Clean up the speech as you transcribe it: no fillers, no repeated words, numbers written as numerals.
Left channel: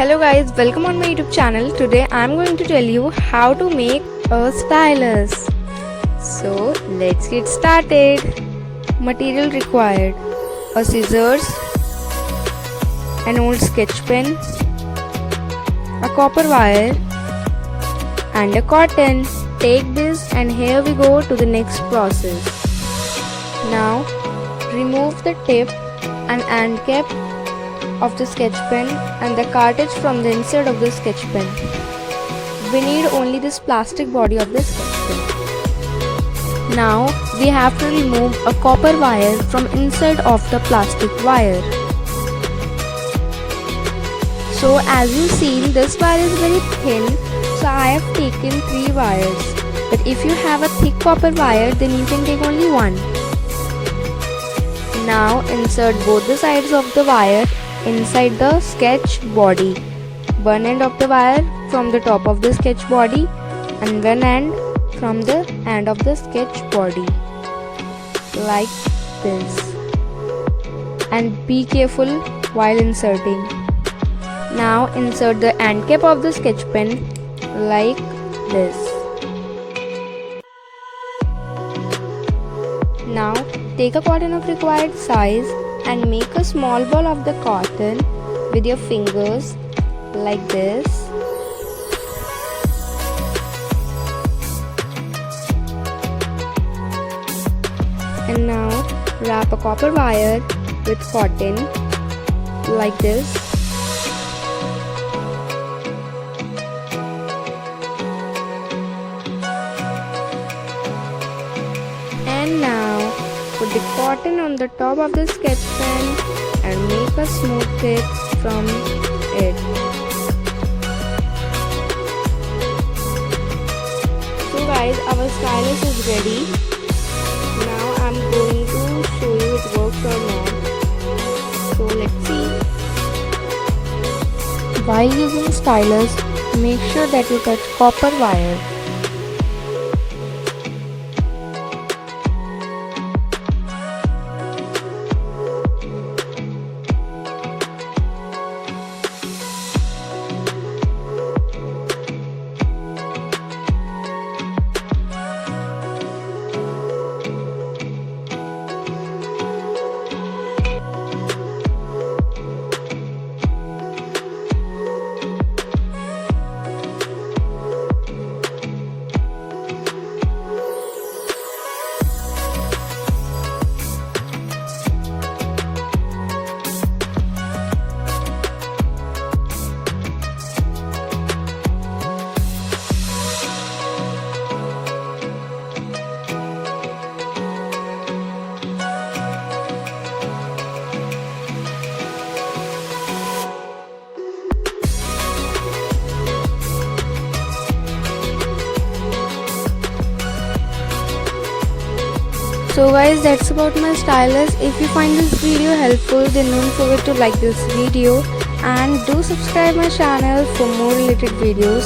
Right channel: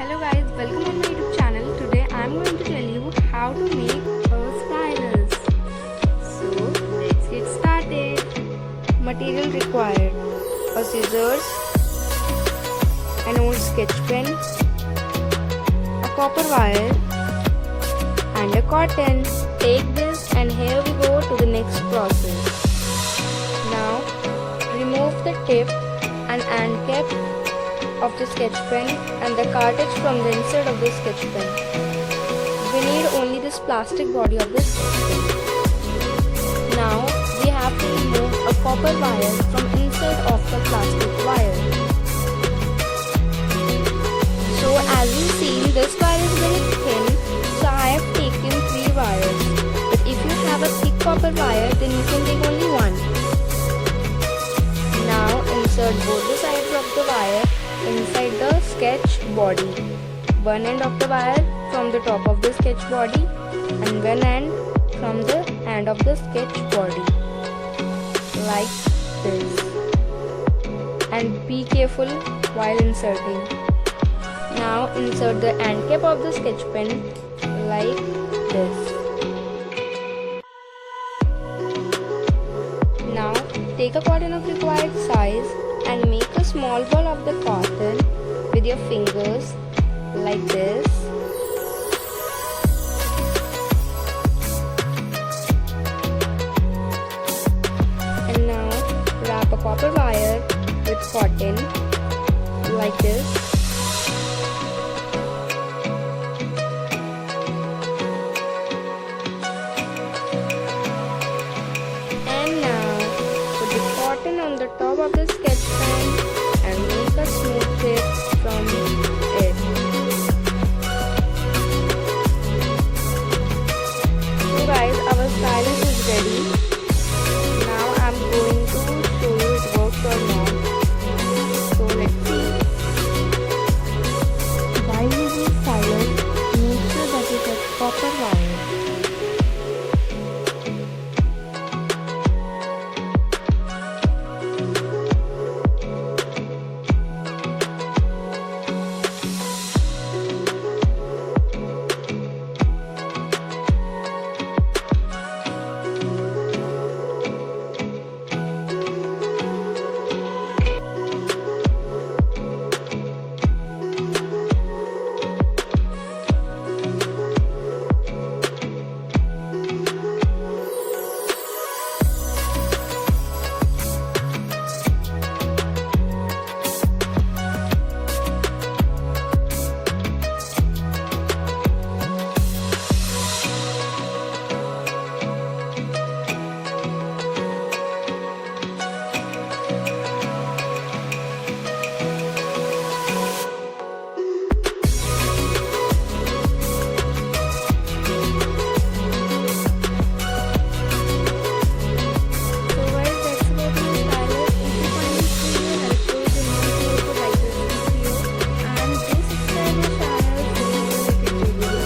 Hello guys, welcome on my YouTube channel. Today I am going to tell you how to make a stylus. So let's get started. Material required: a scissors, an old sketch pen, a copper wire and a cotton. Take this and here we go to the next process. Now remove the tip and end cap of the sketch pen and the cartridge from the inside of the sketch pen. We need only this plastic body of the sketch pen. Now we have to remove a copper wire from inside of the plastic wire. So as you see, this wire is very thin, so I have taken 3 wires. But if you have a thick copper wire, then you can take only one. Now insert both the sides of the wire inside the sketch body. One end of the wire from the top of the sketch body and one end from the end of the sketch body, like this. And be careful while inserting. Now insert the end cap of the sketch pen like this. Now take a cotton of required size and make a small ball of the cotton with your fingers like this. And now wrap a copper wire with cotton like this. And now put the cotton on the top of the sketch pen and make a smooth tip from it. So guys, our stylus is ready. Now I'm going to show you it works or not. So let's see. While using stylus, make sure that you touch copper wire. So guys, that's about my stylus. If you find this video helpful, then don't forget to like this video and do subscribe my channel for more related videos.